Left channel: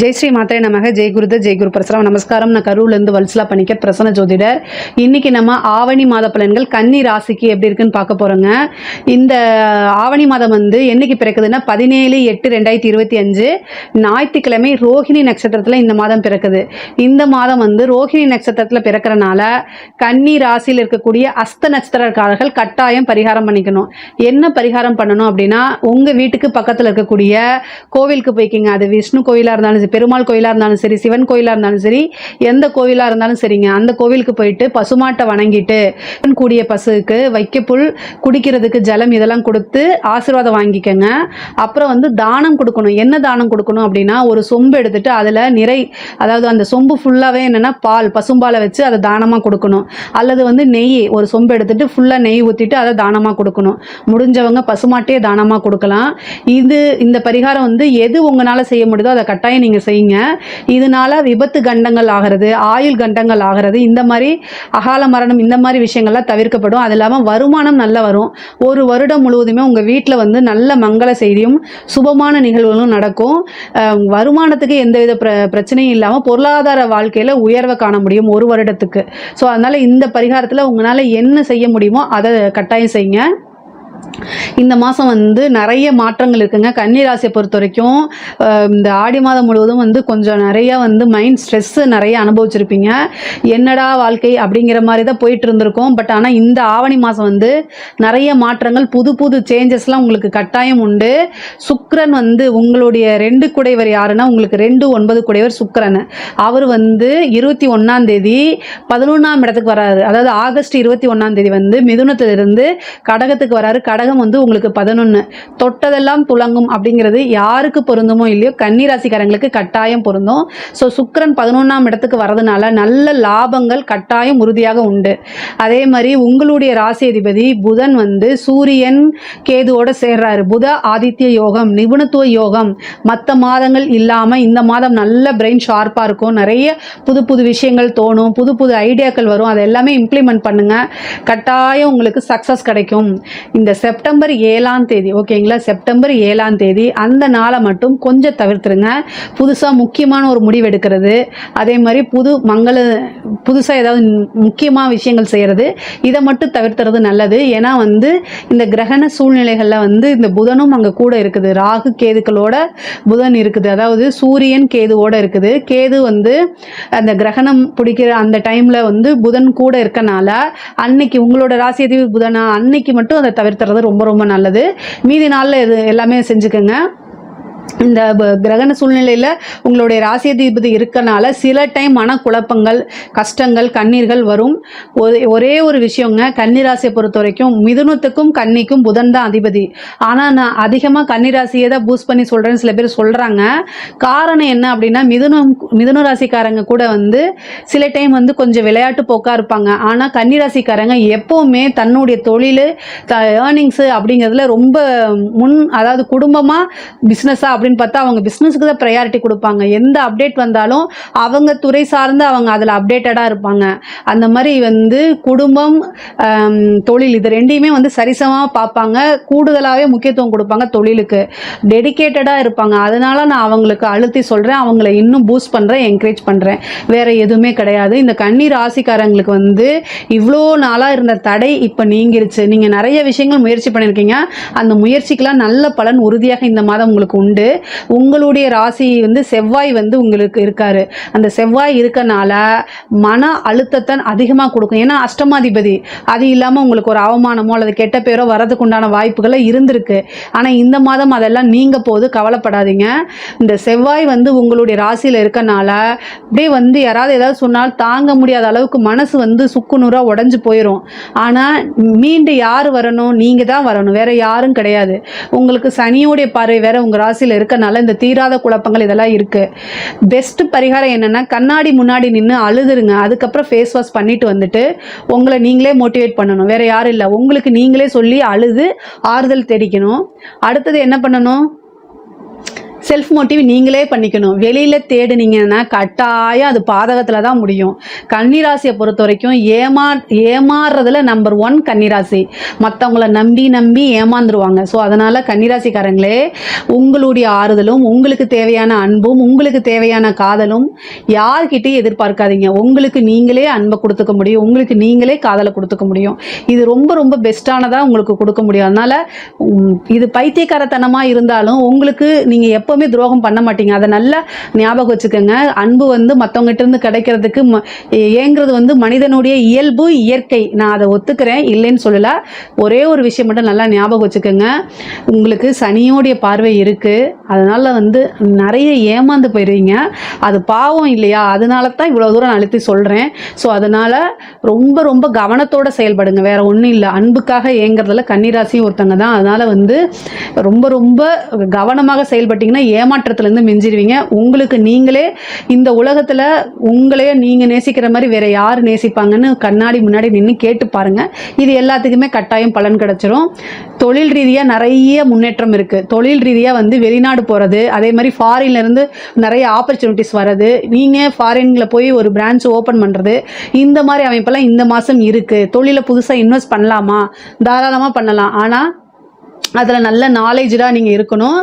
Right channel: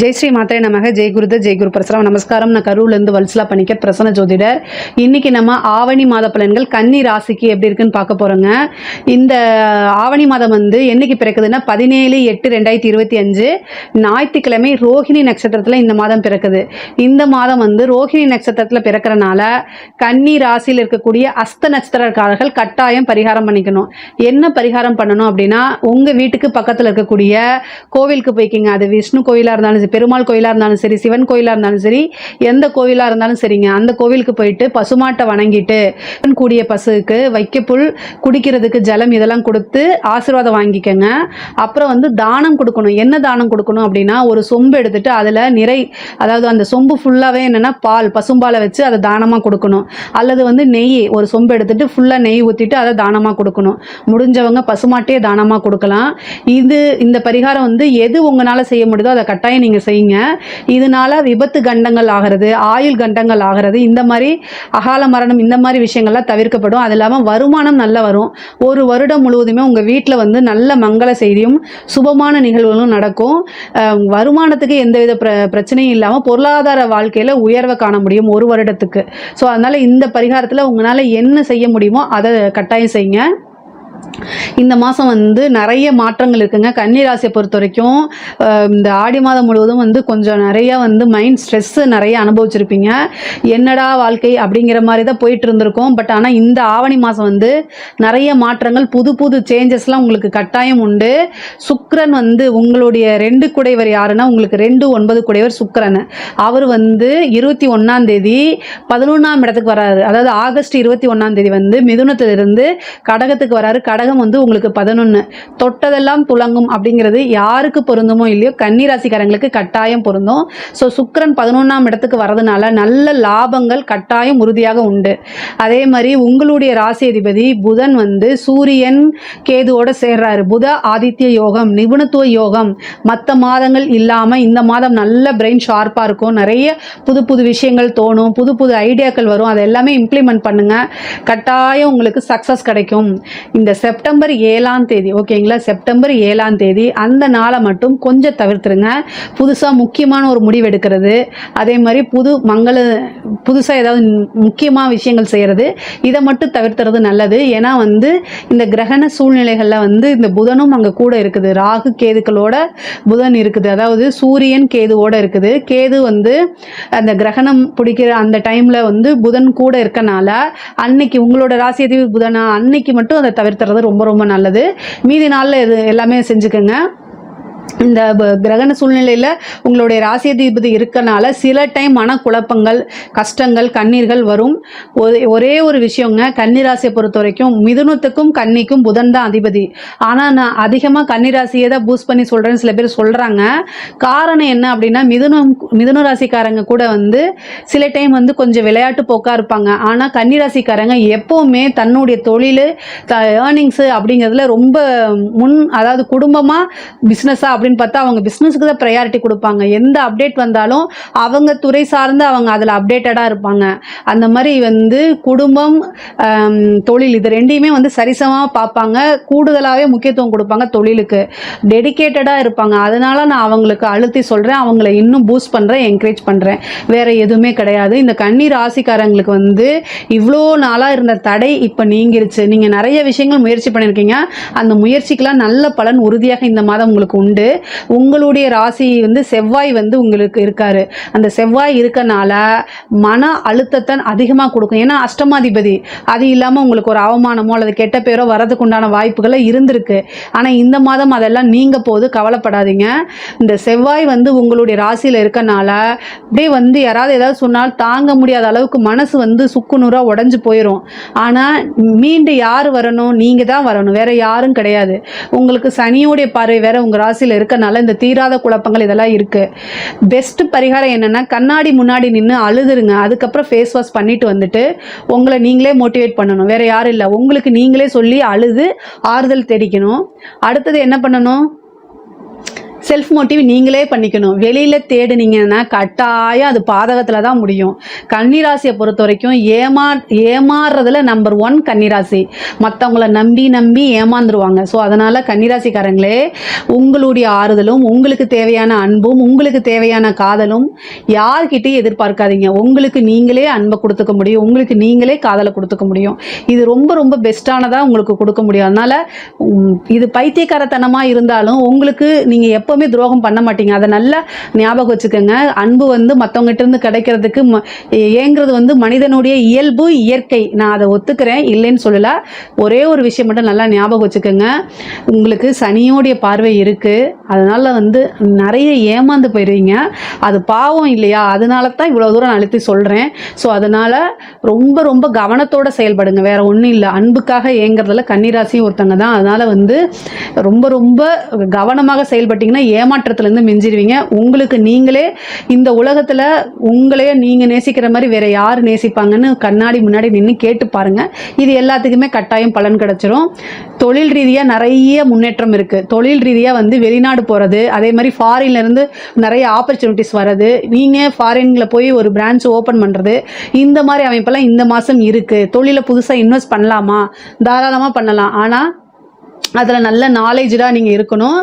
ஜெய் ஸ்ரீ மாத்திரை நமக ஜெய் குருத ஜெய் குரு பரசுராம் நமஸ்காரம் நான் கரூர்லேருந்து வல்சலா பண்ணிக்க பிரசன ஜோதிடர் இன்னைக்கு நம்ம ஆவணி மாத பலன்கள் கன்னி ராசிக்கு எப்படி இருக்குன்னு பார்க்க போகிறோங்க இந்த ஆவணி மாதம் வந்து என்னைக்கு பிறக்குதுன்னா பதினேழு எட்டு ரெண்டாயிரத்தி இருபத்தி அஞ்சு ஞாயிற்றுக்கிழமை ரோஹிணி நட்சத்திரத்தில் இந்த மாதம் பிறக்குது இந்த மாதம் வந்து ரோஹிணி நட்சத்திரத்தில் பிறக்கிறனால கன்னி ராசியில் இருக்கக்கூடிய அஸ்த நட்சத்திரக்காரர்கள் கட்டாயம் பரிகாரம் பண்ணிக்கணும் என்ன பரிகாரம் பண்ணணும் அப்படின்னா உங்கள் வீட்டுக்கு பக்கத்தில் இருக்கக்கூடிய கோவிலுக்கு போய்க்கிங்க அது விஷ்ணு கோவிலாக இருந்தாலும் அது பெருமாள் கோயிலாக இருந்தாலும் சரி சிவன் கோயிலாக இருந்தாலும் சரி எந்த கோயிலாக இருந்தாலும் சரிங்க அந்த கோவிலுக்கு போயிட்டு பசுமாட்டை வணங்கிட்டு கூடிய பசுக்கு வைக்கப்புல் குடிக்கிறதுக்கு ஜலம் இதெல்லாம் கொடுத்து ஆசீர்வாதம் வாங்கிக்கோங்க அப்புறம் வந்து தானம் கொடுக்கணும் என்ன தானம் கொடுக்கணும் அப்படின்னா ஒரு சொம்பு எடுத்துட்டு அதில் நிறை அதாவது அந்த சொம்பு ஃபுல்லாகவே என்னென்னா பால் பசும்பாலை வச்சு அதை தானமாக கொடுக்கணும் அல்லது வந்து நெய் ஒரு சொம்பு எடுத்துட்டு ஃபுல்லாக நெய் ஊற்றிட்டு அதை தானமாக கொடுக்கணும் முடிஞ்சவங்க பசுமாட்டையே தானமாக கொடுக்கலாம் இது இந்த பரிகாரம் வந்து எது உங்களால் செய்ய முடியுதோ அதை கட்டாயம் நீங்கள் நீங்கள் செய்யுங்க இதனால விபத்து கண்டங்கள் ஆகிறது ஆயுள் கண்டங்கள் ஆகிறது இந்த மாதிரி அகால மரணம் இந்த மாதிரி விஷயங்கள்லாம் தவிர்க்கப்படும் அது இல்லாமல் வருமானம் நல்லா வரும் ஒரு வருடம் முழுவதுமே உங்கள் வீட்டில் வந்து நல்ல மங்கள செய்தியும் சுபமான நிகழ்வுகளும் நடக்கும் வருமானத்துக்கு எந்தவித பிர பிரச்சனையும் இல்லாமல் பொருளாதார வாழ்க்கையில் உயர்வை காண முடியும் ஒரு வருடத்துக்கு ஸோ அதனால் இந்த பரிகாரத்தில் உங்களால் என்ன செய்ய முடியுமோ அதை கட்டாயம் செய்யுங்க இந்த மாதம் வந்து நிறைய மாற்றங்கள் இருக்குங்க கன்னிராசியை பொறுத்த வரைக்கும் இந்த ஆடி மாதம் முழுவதும் வந்து கொஞ்சம் நிறைய வந்து மைண்ட் ஸ்ட்ரெஸ்ஸு நிறைய அனுபவிச்சிருப்பீங்க என்னடா வாழ்க்கை அப்படிங்கிற மாதிரி தான் போயிட்டு இருந்திருக்கோம் பட் ஆனால் இந்த ஆவணி மாதம் வந்து நிறைய மாற்றங்கள் புது புது சேஞ்சஸ்லாம் உங்களுக்கு கட்டாயம் உண்டு சுக்கரன் வந்து உங்களுடைய ரெண்டு குடைவர் யாருன்னா உங்களுக்கு ரெண்டு ஒன்பது குடைவர் சுக்கரன் அவர் வந்து இருபத்தி ஒன்றாம் தேதி பதினொன்றாம் இடத்துக்கு வராரு அதாவது ஆகஸ்ட் இருபத்தி ஒன்றாம் தேதி வந்து மிதுனத்திலிருந்து கடகத்துக்கு வராரு கடகம் வந்து உங்களுக்கு பதினொன்று தொட்டதெல்லாம் துளங்கும் அப்படிங்கிறது யாருக்கு பொருந்துமோ இல்லையோ கன்னிராசிக்காரங்களுக்கு கட்டாயம் பொருந்தும் ஸோ சுக்கரன் பதினொன்றாம் இடத்துக்கு வரதுனால நல்ல லாபங்கள் கட்டாயம் உறுதியாக உண்டு அதே மாதிரி உங்களுடைய ராசி அதிபதி புதன் வந்து சூரியன் கேதுவோடு சேர்றாரு புத ஆதித்ய யோகம் நிபுணத்துவ யோகம் மற்ற மாதங்கள் இல்லாமல் இந்த மாதம் நல்ல பிரெயின் ஷார்ப்பா இருக்கும் நிறைய புது புது விஷயங்கள் தோணும் புது புது ஐடியாக்கள் வரும் அதை எல்லாமே இம்ப்ளிமெண்ட் பண்ணுங்க கட்டாயம் உங்களுக்கு சக்சஸ் கிடைக்கும் இந்த செப்டம்பர் ஏழாம் தேதி ஓகேங்களா செப்டம்பர் ஏழாம் தேதி அந்த நாளை மட்டும் கொஞ்சம் தவிர்த்துருங்க புதுசாக முக்கியமான ஒரு முடிவு எடுக்கிறது அதே மாதிரி புது மங்கள புதுசாக ஏதாவது முக்கியமான விஷயங்கள் செய்யறது இதை மட்டும் தவிர்த்துறது நல்லது ஏன்னா வந்து இந்த கிரகண சூழ்நிலைகளில் வந்து இந்த புதனும் அங்கே கூட இருக்குது ராகு கேதுக்களோட புதன் இருக்குது அதாவது சூரியன் கேதுவோட இருக்குது கேது வந்து அந்த கிரகணம் பிடிக்கிற அந்த டைமில் வந்து புதன் கூட இருக்கனால அன்னைக்கு உங்களோட ராசி புதனா அன்னைக்கு மட்டும் அதை தவிர்த்து சாப்பிட்றது ரொம்ப ரொம்ப நல்லது மீதி நாளில் இது எல்லாமே செஞ்சுக்கோங்க இந்த கிரகண சூழ்நிலையில் உங்களுடைய அதிபதி இருக்கனால சில டைம் மனக்குழப்பங்கள் கஷ்டங்கள் கண்ணீர்கள் வரும் ஒரே ஒரு விஷயங்க கன்னிராசியை பொறுத்த வரைக்கும் மிதுனத்துக்கும் கன்னிக்கும் புதன் தான் அதிபதி ஆனால் நான் அதிகமாக கன்னிராசியை தான் பூஸ்ட் பண்ணி சொல்கிறேன்னு சில பேர் சொல்கிறாங்க காரணம் என்ன அப்படின்னா மிதுனம் மிதுன ராசிக்காரங்க கூட வந்து சில டைம் வந்து கொஞ்சம் விளையாட்டு போக்காக இருப்பாங்க ஆனால் கன்னிராசிக்காரங்க எப்போவுமே தன்னுடைய தொழில் ஏர்னிங்ஸு அப்படிங்கிறதுல ரொம்ப முன் அதாவது குடும்பமாக பிஸ்னஸாக அப்படி அப்படின்னு பார்த்தா அவங்க பிசினஸ்க்கு தான் ப்ரையாரிட்டி கொடுப்பாங்க எந்த அப்டேட் வந்தாலும் அவங்க துறை சார்ந்து அவங்க அதுல அப்டேட்டடா இருப்பாங்க அந்த மாதிரி வந்து குடும்பம் தொழில் இது ரெண்டையுமே வந்து சரிசமா பார்ப்பாங்க கூடுதலாகவே முக்கியத்துவம் கொடுப்பாங்க தொழிலுக்கு டெடிக்கேட்டடா இருப்பாங்க அதனால நான் அவங்களுக்கு அழுத்தி சொல்றேன் அவங்கள இன்னும் பூஸ்ட் பண்றேன் என்கரேஜ் பண்றேன் வேற எதுவுமே கிடையாது இந்த கண்ணீர் ராசிக்காரங்களுக்கு வந்து இவ்வளோ நாளாக இருந்த தடை இப்போ நீங்கிருச்சு நீங்கள் நிறைய விஷயங்கள் முயற்சி பண்ணியிருக்கீங்க அந்த முயற்சிக்கெலாம் நல்ல பலன் உறுதியாக இந்த மாதம் உங்களுக்கு உண்டு உங்களுடைய ராசி வந்து செவ்வாய் வந்து உங்களுக்கு இருக்காரு அந்த செவ்வாய் இருக்கனால மன அழுத்தத்தை அதிகமாக கொடுக்கும் ஏன்னா அஷ்டமாதிபதி அது இல்லாமல் உங்களுக்கு ஒரு அவமானமோ அல்லது கெட்ட பேரோ வரதுக்கு உண்டான வாய்ப்புகளை இருந்திருக்கு ஆனால் இந்த மாதம் அதெல்லாம் நீங்கள் போது கவலைப்படாதீங்க இந்த செவ்வாய் வந்து உங்களுடைய ராசியில் இருக்கனால அப்படியே வந்து யாராவது ஏதாவது சொன்னால் தாங்க முடியாத அளவுக்கு மனசு வந்து சுக்குநூறாக உடஞ்சி போயிடும் ஆனால் மீண்டு யார் வரணும் நீங்கள் தான் வரணும் வேற யாரும் கிடையாது உங்களுக்கு சனியோடைய பார்வை வேற உங்கள் ராசியில் இருக்கு இருக்கனால இந்த தீராத குழப்பங்கள் இதெல்லாம் இருக்கு பெஸ்ட் பரிகாரம் என்னென்னா கண்ணாடி முன்னாடி நின்று அழுதுருங்க அதுக்கப்புறம் ஃபேஸ் வாஷ் பண்ணிட்டு வந்துட்டு உங்களை நீங்களே மோட்டிவேட் பண்ணணும் வேற யாரும் இல்லை உங்களுக்கு நீங்களே சொல்லி அழுது ஆறுதல் தெரிக்கணும் அடுத்தது என்ன பண்ணணும் செல்ஃப் மோட்டிவ் நீங்களே பண்ணிக்கணும் வெளியில் தேடுனீங்கன்னா கட்டாயம் அது பாதகத்தில் தான் முடியும் கன்னிராசியை பொறுத்த வரைக்கும் ஏமா ஏமாறுறதுல நம்பர் ஒன் கன்னிராசி மற்றவங்கள நம்பி நம்பி ஏமாந்துருவாங்க ஸோ அதனால் கன்னிராசிக்காரங்களே உங்களுடைய ஆறுதலும் உங்களுக்கு தேவையான அன்பும் உங்களுக்கு தேவையான காதலும் யார்கிட்டையும் எதிர்பார்க்காதீங்க உங்களுக்கு நீங்களே அன்பை கொடுத்துக்க முடியும் உங்களுக்கு நீங்களே காதலை கொடுத்துக்க முடியும் இது ரொம்ப ரொம்ப பெஸ்ட்டானதாக உங்களுக்கு கொடுக்க முடியும் அதனால் இது பைத்தியக்காரத்தனமாக இருந்தாலும் உங்களுக்கு நீங்கள் எப்போ எப்போவுமே துரோகம் பண்ண மாட்டீங்க அதை நல்லா ஞாபகம் வச்சுக்கோங்க அன்பு வந்து மற்றவங்ககிட்ட இருந்து கிடைக்கிறதுக்கு ஏங்கிறது வந்து மனிதனுடைய இயல்பு இயற்கை நான் அதை ஒத்துக்கிறேன் இல்லைன்னு சொல்லல ஒரே ஒரு விஷயம் மட்டும் நல்லா ஞாபகம் வச்சுக்கோங்க உங்களுக்கு சனியோடைய பார்வை இருக்குது அதனால் வந்து நிறைய ஏமாந்து போயிடுவீங்க அது பாவம் இல்லையா அதனால தான் இவ்வளோ தூரம் அழுத்தி சொல்கிறேன் ஸோ அதனால் ரொம்ப ரொம்ப கவனத்தோடு செயல்படுங்க வேறு ஒன்றும் இல்லை அன்புக்காக ஏங்கிறதுல கன்னிராசியும் ஒருத்தங்க தான் அதனால் வந்து ரொம்ப ரொம்ப கவனமாக செயல்பட்டிங்கன்னா ஏமாற்றத்துலேருந்து மிஞ்சிடுவீங்க உங்களுக்கு நீங்களே இந்த உலகத்தில் உங்களே நீங்கள் நேசிக்கிற மாதிரி வேறு யார் நேசிப்பாங்கன்னு கண்ணாடி முன்னாடி நின்று கேட்டு பாருங்கள் இது எல்லாத்துக்குமே கட்டாயம் பலன் கிடச்சிரும் தொழில் ரீதியாக நிறைய முன்னேற்றம் இருக்குது தொழில் ரீதியாக வந்து வெளிநாடு போகிறது அதே மாதிரி ஃபாரின்லேருந்து நிறைய ஆப்பர்ச்சுனிட்டிஸ் வர்றது நீங்கள் ஃபாரின்ல போய் ஒரு பிரான்ச் ஓப்பன் பண்ணுறது இந்த மாதிரி அமைப்பெல்லாம் இந்த மாதம் இருக்குது தொழிலை புதுசாக இன்வெஸ்ட் பண்ணலாமா தாராளமாக பண்ணலாம் ஆனால் அதில் நல்ல நாலேஜாக நீங்கள் இருக்கணும்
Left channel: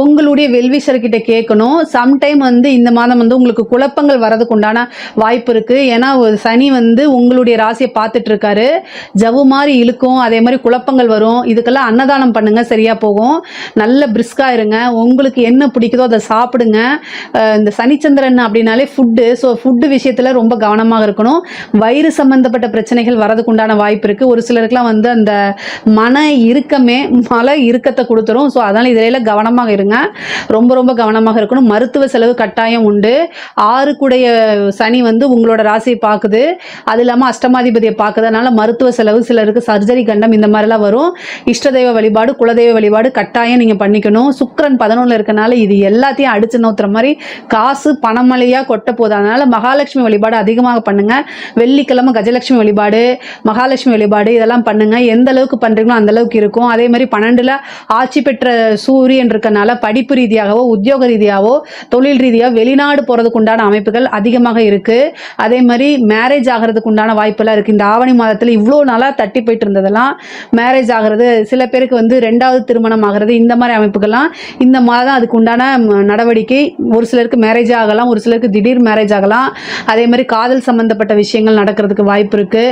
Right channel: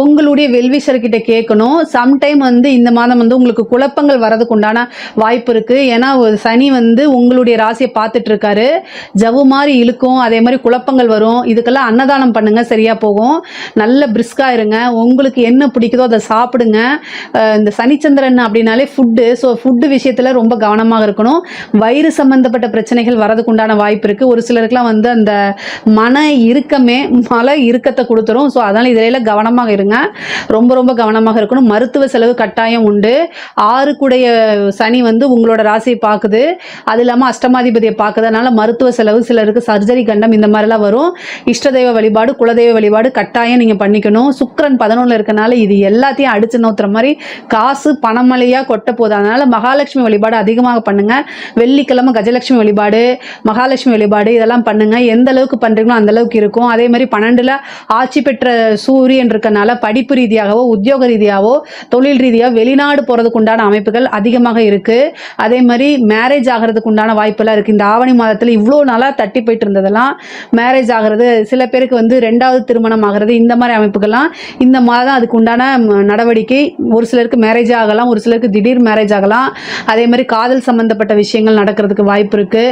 உங்களுடைய வெல்விசர்கிட்ட கேட்கணும் சம்டைம் வந்து இந்த மாதம் வந்து உங்களுக்கு குழப்பங்கள் வரதுக்கு உண்டான வாய்ப்பு இருக்குது ஏன்னா சனி வந்து உங்களுடைய ராசியை பார்த்துட்ருக்காரு ஜவு மாதிரி இழுக்கும் அதே மாதிரி குழப்பங்கள் வரும் இதுக்கெல்லாம் அன்னதானம் பண்ணுங்கள் சரியாக போகும் நல்ல பிரிஸ்காக இருங்க உங்களுக்கு என்ன பிடிக்குதோ அதை சாப்பிடுங்க இந்த சனிச்சந்திரன் அப்படின்னாலே ஃபுட்டு ஸோ ஃபுட்டு விஷயத்தில் ரொம்ப கவனமாக இருக்கணும் வயிறு சம்மந்தப்பட்ட பிரச்சனைகள் வரதுக்கு உண்டான வாய்ப்பு இருக்குது ஒரு சிலருக்குலாம் வந்து அந்த மன இறுக்கமே அதனால் இறுக்கத்தை கொடுத்துரும் ஸோ அதனால் இதில் கவனமாக இருங்க ரொம்ப ரொம்ப கவனமாக இருக்கணும் மருத்துவ செலவு கட்டாயம் உண்டு ஆறுக்குடைய சனி வந்து உங்களோட ராசியை பார்க்குது அது இல்லாமல் அஷ்டமாதிபதியை பார்க்குது மருத்துவ செலவு சிலருக்கு சர்ஜரி கண்டம் இந்த மாதிரிலாம் வரும் இஷ்டதெய்வ வழிபாடு குலதெய்வ வழிபாடு கட்டாயம் நீங்கள் பண்ணிக்கணும் சுக்கரன் பதினொன்று இருக்கனால இது எல்லாத்தையும் அடிச்சு நோத்துற மாதிரி காசு பணமலையாக கொட்ட போதும் அதனால் மகாலட்சுமி வழிபாடு அதிகமாக பண்ணுங்க வெள்ளிக்கிழமை கஜலட்சுமி வழிபாடு மகாலட்சுமி வழிபாடு இதெல்லாம் பண்ணுங்க எந்த அளவுக்கு பண்ணுறீங்களோ அந்த அளவுக்கு இருக்கும் அதே மாதிரி பன்னெண்டு ஆண்டுல ஆட்சி பெற்ற சூரியன் இருக்கனால படிப்பு ரீதியாகவோ உத்தியோக ரீதியாகவோ தொழில் ரீதியாக வெளிநாடு போறதுக்கு உண்டான அமைப்புகள் அதிகமாக இருக்கு அதே மாதிரி மேரேஜ் ஆகிறதுக்கு உண்டான வாய்ப்பெல்லாம் இருக்கு இந்த ஆவணி மாதத்துல இவ்வளோ நாளா தட்டி போயிட்டு இருந்ததெல்லாம் மேரேஜ் ஆகிறது சில பேருக்கு வந்து ரெண்டாவது திருமணம் ஆகிறது இந்த மாதிரி அமைப்புகள்லாம் இந்த மாதம் அதுக்கு உண்டான நடவடிக்கை ஒரு சிலருக்கு மேரேஜ் ஆகலாம் ஒரு சிலருக்கு திடீர் மேரேஜ் ஆகலாம் அதே மாதிரி காதல் சம்பந்தப்பட்ட விஷயங்கள் நடக்கிறதுக்கு வாய்ப்பு இருக்கு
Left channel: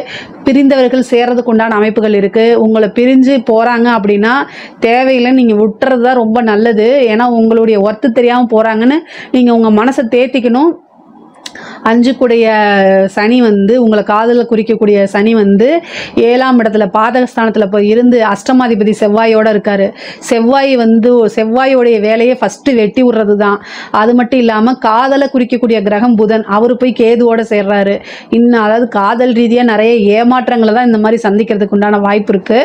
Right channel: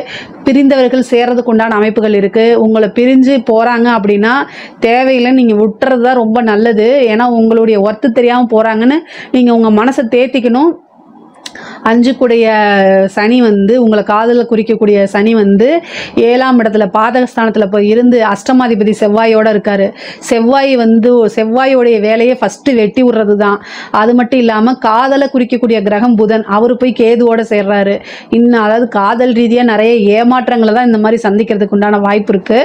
பிரிந்தவர்கள் சேர்றதுக்கு உண்டான அமைப்புகள் இருக்கு உங்களை பிரிஞ்சு போறாங்க அப்படின்னா தேவையில்லை நீங்க விட்டுறது தான் ரொம்ப நல்லது ஏன்னா உங்களுடைய ஒர்த்து தெரியாம போறாங்கன்னு நீங்க உங்க மனசை தேத்திக்கணும் அஞ்சு கூடிய சனி வந்து உங்களை காதல குறிக்கக்கூடிய சனி வந்து ஏழாம் இடத்துல பாதகஸ்தானத்துல போய் இருந்து அஷ்டமாதிபதி செவ்வாயோட இருக்காரு செவ்வாய் வந்து செவ்வாயோடைய வேலையை ஃபர்ஸ்ட் வெட்டி விடுறது தான் அது மட்டும் இல்லாம காதலை குறிக்கக்கூடிய கிரகம் புதன் அவரு போய் கேதுவோட சேர்றாரு இன்னும் அதாவது காதல் ரீதியா நிறைய ஏமாற்றங்களை தான் இந்த மாதிரி சந்திக்கிறதுக்கு உண்டான வாய்ப்பு இருக்கு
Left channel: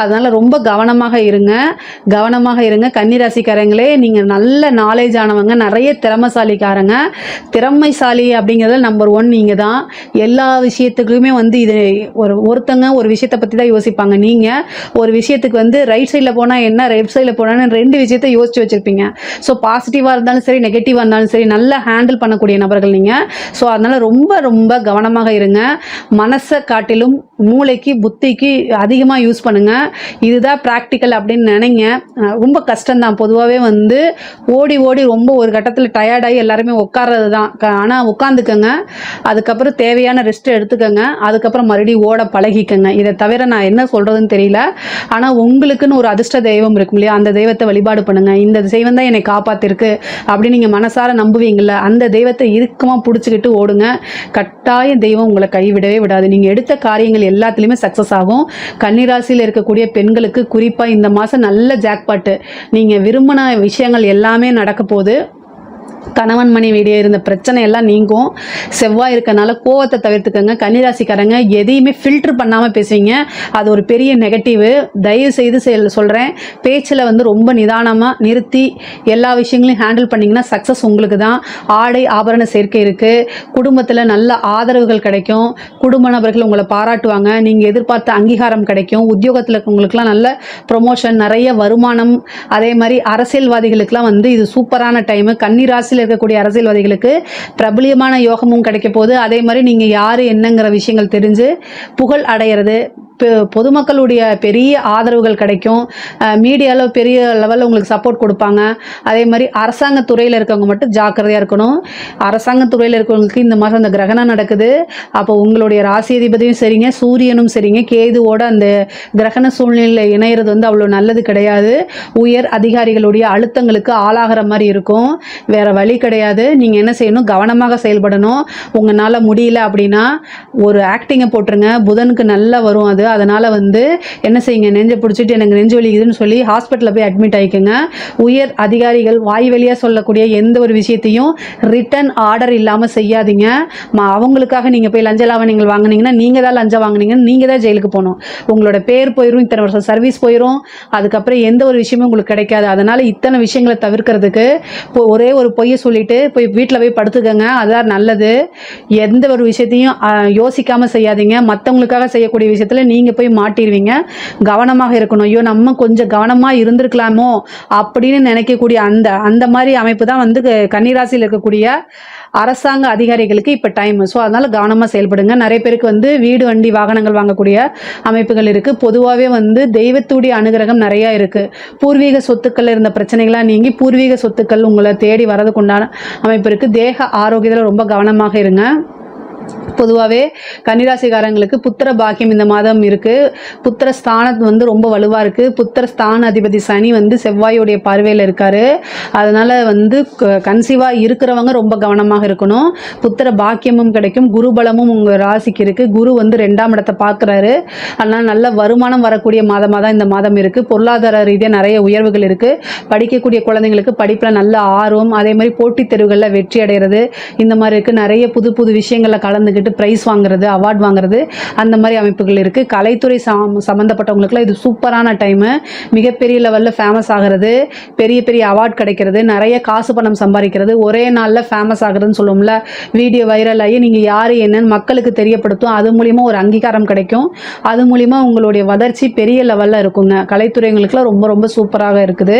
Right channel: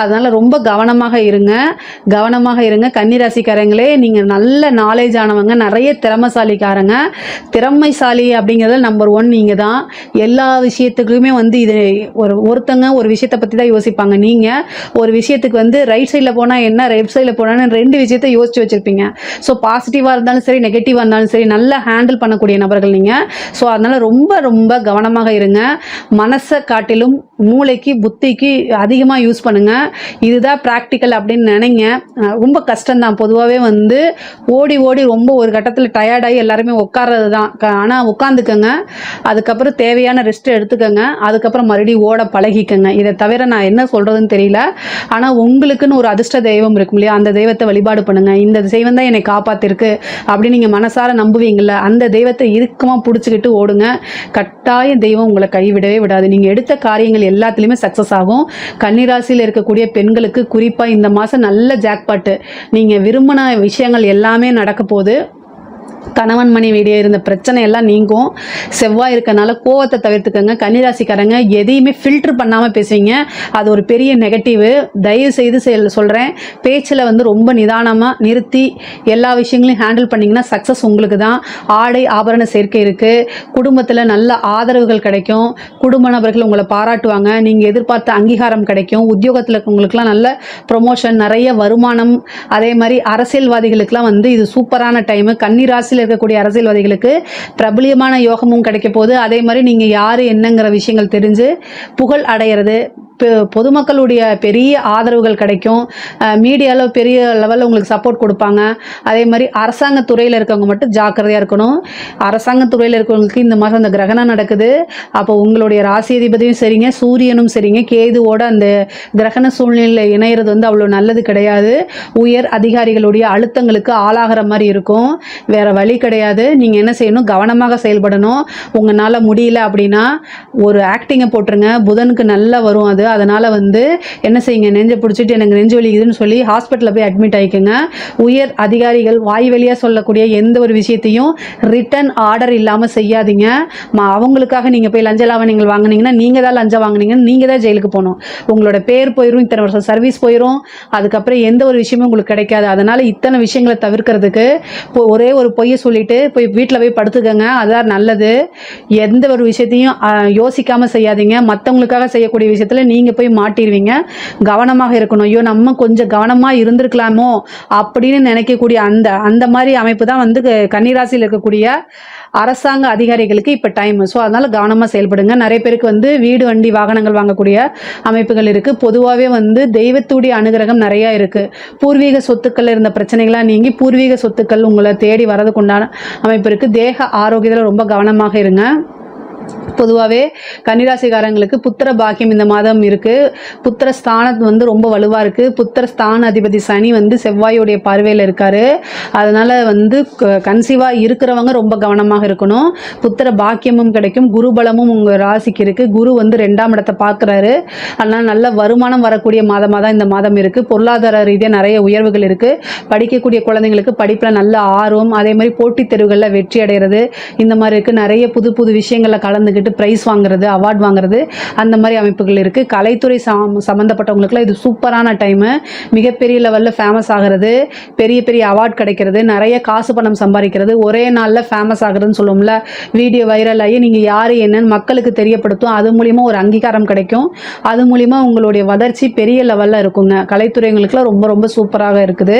அதனால ரொம்ப கவனமாக இருங்க கவனமாக இருங்க கன்னிராசிக்காரங்களே நீங்க நல்ல நாலேஜ் ஆனவங்க நிறைய திறமைசாலிக்காரங்க திறமைசாலி அப்படிங்க அப்படிங்கிறதுல நம்பர் ஒன் நீங்க தான் எல்லா விஷயத்துக்குமே வந்து இது ஒரு ஒருத்தங்க ஒரு விஷயத்தை பத்தி தான் யோசிப்பாங்க நீங்க ஒரு விஷயத்துக்கு வந்து ரைட் சைட்ல போனா என்ன லெஃப்ட் சைட்ல போனா ரெண்டு விஷயத்த யோசிச்சு வச்சிருப்பீங்க ஸோ பாசிட்டிவா இருந்தாலும் சரி நெகட்டிவா இருந்தாலும் சரி நல்லா ஹேண்டில் பண்ணக்கூடிய நபர்கள் நீங்க ஸோ அதனால ரொம்ப ரொம்ப கவனமாக இருங்க மனசை காட்டிலும் மூளைக்கு புத்திக்கு அதிகமாக யூஸ் பண்ணுங்க இதுதான் ப்ராக்டிக்கல் அப்படின்னு நினைங்க ரொம்ப கஷ்டம்தான் பொதுவாகவே வந்து ஓடி ஓடி ரொம்ப ஒரு கட்டத்தில் டயர்டாகி எல்லாருமே உட்கார்றது தான் ஆனால் உட்காந்து எடுத்துக்கோங்க அதுக்கப்புறம் தேவையான ரெஸ்ட் எடுத்துக்கோங்க அதுக்கப்புறம் மறுபடியும் ஓட பழகிக்கோங்க இதை தவிர நான் என்ன சொல்கிறதுன்னு தெரியல ஆனால் உங்களுக்குன்னு ஒரு அதிர்ஷ்ட தெய்வம் இருக்கும் இல்லையா அந்த தெய்வத்தை வழிபாடு பண்ணுங்கள் இந்த தெய்வம் தான் என்னை காப்பாற்றிருக்கு அப்படின்னு நீங்கள் மனசார நம்புவீங்கள அந்த தெய்வத்தை இறுக்கமாக பிடிச்சிக்கிட்டு ஓடுங்க கட்டாய தெய்வம் உங்களை கைவிடவே விடாது நீங்கள் எடுத்த காரியங்கள் எல்லாத்துலேயுமே சக்ஸஸ் ஆகும் கன்னிராசியில் இருக்கக்கூடிய பெண்களுக்கு குறிப்பாக இந்த மாதம் நல்ல ஜாக்பாட்டு நீங்கள் விரும்பின விஷயங்கள் எல்லாமே நடக்க போகுது கணவன் மனைவி இடையே இருந்த பிரச்சனை எல்லாம் நீங்கும் செவ்வாய் இருக்கனால கோவத்தை தவிர்த்துக்கங்க கன்னிராசிக்காரங்க எதையுமே ஃபில்டர் பண்ணாம பேசுவீங்க அது ஒரு பெரிய நெகட்டிவ் தயவு செய்து சொல்றேன் பேச்சுல வந்து ரொம்ப நிதானமா நிறுத்தி எல்லா விஷயங்களையும் ஹேண்டில் பண்ணீங்கன்னா சக்சஸ் உங்களுக்கு தான் ஆடை ஆபரண சேர்க்கை இருக்கு குடும்பத்துல நல்ல ஆதரவுகள் கிடைக்கும் குடும்ப நபர்கள் உங்களை பாராட்டுவாங்க நீங்க எதிர்பார்த்த அங்கீகாரம் கிடைக்கும் உத்தியோகத்துல உங்களுக்குலாம் நல்ல ப்ரொமோஷன் நிறைய வருமானம் அதே மாதிரி அரசியல்வாதிகளுக்குலாம் வந்து இது சூப்பரான டைம் கன்னிராசியில இருக்கக்கூடிய அரசியல்வாதிகளுக்கு பிரபலியமான யோகமும் கிடைக்க போகுது அதே மாதிரி நீங்க யாரு என்னங்கிற விஷயங்கள் தெரிஞ்சு புகழ் அடையிறது பொதுமக்களுடைய பெரிய ஆதரவுகள் கிடைக்கும் மீடியால பெரிய லெவல்ல உங்களுக்கு சப்போர்ட் கொடுப்பாங்க அதே மாதிரி அரசாங்க துறையில இருக்கவங்க மட்டும் ஜாக்கிரதையா இருக்கணும் அரசாங்க துறையில இருக்கவங்களுக்கு இந்த மாதிரி அந்த கிரகணம் நடக்குது அப்போ உங்களுடைய ராசி அதிபதியும் சரிங்க சூரியனும் சரிங்க கேதுவோட அந்த கிரகண சூழ்நிலையில இணையிறது வந்து அவ்வளவு நல்லது கிடையாது உயர் அதிகாரிகளுடைய அழுத்தங்களுக்கு ஆளாகிற மாதிரி இருக்கும் வேற வழி கிடையாது நீங்க என்ன செய்யணும் கவனமாக செயல்படணும் உங்களால முடியல அப்படின்னா ஒரு ஆக்டிங்கை போட்டுருங்க புதனுக்கு நல்லா வரும் அது அதனால வந்து என்ன செய்யுங்க நெஞ்சை பிடிச்சிட்டு எனக்கு நெஞ்சு வலிக்குதுன்னு சொல்லி ஹாஸ்பிட்டலில் போய் அட்மிட் ஆகிக்கோங்க உயர் அதிகாரிகள் வாய் வழியாக சொல்லக்கூடிய எந்த ஒரு விஷயத்தையும் ரிட்டர்ன் ஆர்டர் இல்லாமல் செய்யாதீங்க அவங்களுக்காக நீங்கள் போய் லஞ்ச லாவணிகள் வாங்கினீங்கன்னா நீங்கள் தான் லஞ்சம் வாங்கினீங்கன்னு நீங்கள் தான் ஜெயிலுக்கு போகணும் உங்களோட பேர் போயிடும் இத்தனை வருஷம் சர்வீஸ் போயிடும் அதுக்கப்புறம் எந்த ஒரு விஷயமும் உங்களுக்கு கிடைக்காது அதனால இத்தனை விஷயங்களை தவிர்க்கிறதுக்கு ஒரே ஒரு பொய்ய சொல்லிட்டு போய் வீட்டில் போய் படுத்துக்கங்க அதான் நல்லது எந்த ஒரு விஷயத்தையும் யோசிக்காம செய்யாதீங்க மத்தவங்களுக்காக செய்யக்கூடிய விஷயத்துல நீங்க போய் மாட்டீங்க கவனமாக இருக்கணும் ஐயோ நம்ம கொஞ்சம் கவனமா இருந்திருக்கலாமோ அப்படின்னு நினைக்கக்கூடிய அந்த அந்த மாதிரி அமைப்பு தான் வந்து கன்னிராசியில் இருக்கக்கூடிய அரசாங்க அதிகாரிகளுக்கு இப்ப டைம் ஸோ அதனால கவனமா செயல்படுங்க நிறைய பேருக்கு வந்து வீடு வண்டி வாகனங்கள் வாங்கக்கூடிய அமைப்புகள் இருக்கு பொதுவாகவே வந்து தெய்வத்துடைய அனுகிரகம் நிறைய இருக்கு பூர்வீக சொத்துக்கள் இருந்த பிரச்சனைகளா நீங்க பூர்வீக சொத்துக்கள் உங்களை தேடி வரதுக்குண்டான அமைப்பு இருக்கு தேக ஆரோக்கியத்துல ரொம்ப கவனமாக இருங்க பொதுவாகவே கன்னிராசிக்காரங்களுக்கு புத்திர பாக்கியம் இந்த மாதம் இருக்கு புத்திர ஸ்தானம் வந்து ரொம்ப வலுவா இருக்கு புத்திர ஸ்தான அதிபதி சனி வந்து செவ்வாயுடைய பார்வையில் இருக்காரு அதனால வந்து கன்சீவா இருக்கிறவங்க ரொம்ப கவனமாக இருக்கணும் புத்திர பாக்கியமும் கிடைக்கும் குரு பலமும் உங்க ராசிக்கு இருக்கு குரு வந்து ரெண்டாம் இடத்தை பார்க்குறாரு அதனால நல்ல வருமானம் வரக்கூடிய மாதமாக தான் இந்த மாதம் இருக்கு பொருளாதார ரீதியாக நிறைய உயர்வுகள் இருக்கு படிக்கக்கூடிய குழந்தைங்களுக்கு படிப்பில் நல்ல ஆர்வம் அதே மாதிரி போட்டித் தேர்வுகளில் வெற்றி அடைகிறது இந்த மாதிரி இருக்கு நிறைய புது புது விஷயங்களை கல கலந்துக்கிட்டு ப்ரைஸ் வாங்குறது அவார்ட் வாங்குறது அந்த மாதிரி அமைப்புகள் இருக்குது கலைத்துறை சம் சம்மந்தப்பட்டவங்களுக்குலாம் இது சூப்பரான டைமு மிகப்பெரிய லெவலில் ஃபேமஸ் ஆகிறது பெரிய பெரிய அவார்ட் கிடைக்கிறது நிறைய காசு பணம் சம்பாதிக்கிறது ஒரே நாளில் ஃபேமஸ் ஆகிறதுன்னு சொல்லுவோம்ல வீடியோ வைரல் ஆகி நீங்கள் யார் என்னன்னு மக்களுக்கு தெரியப்படுத்தும் அது மூலிமா ஒரு அங்கீகாரம் கிடைக்கும் அது மூலிமா உங்களுடைய வளர்ச்சி பெரிய லெவலில் இருக்குங்க கலைத்துறைங்களுக்குலாம் ரொம்ப ரொம்ப சூப்பராக இருக்குது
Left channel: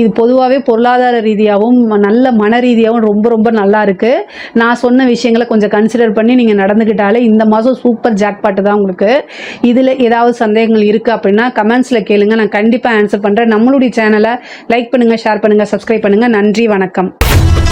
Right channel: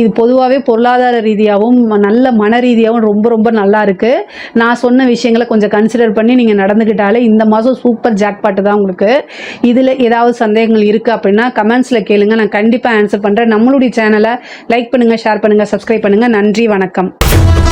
இது பொதுவாகவே பொருளாதார ரீதியாகவும் நல்ல மன ரீதியாகவும் ரொம்ப ரொம்ப நல்லா இருக்குது நான் சொன்ன விஷயங்களை கொஞ்சம் கன்சிடர் பண்ணி பண்ணி நீங்கள் நடந்துக்கிட்டாலே இந்த மாதம் சூப்பர் ஜாக்பாட்டு தான் உங்களுக்கு இதில் ஏதாவது சந்தேகங்கள் இருக்குது அப்படின்னா கமெண்ட்ஸில் கேளுங்க நான் கண்டிப்பாக ஆன்சர் பண்ணுறேன் நம்மளுடைய சேனலை லைக் பண்ணுங்கள் ஷேர் பண்ணுங்கள் சப்ஸ்கிரைப் பண்ணுங்கள் நன்றி வணக்கம்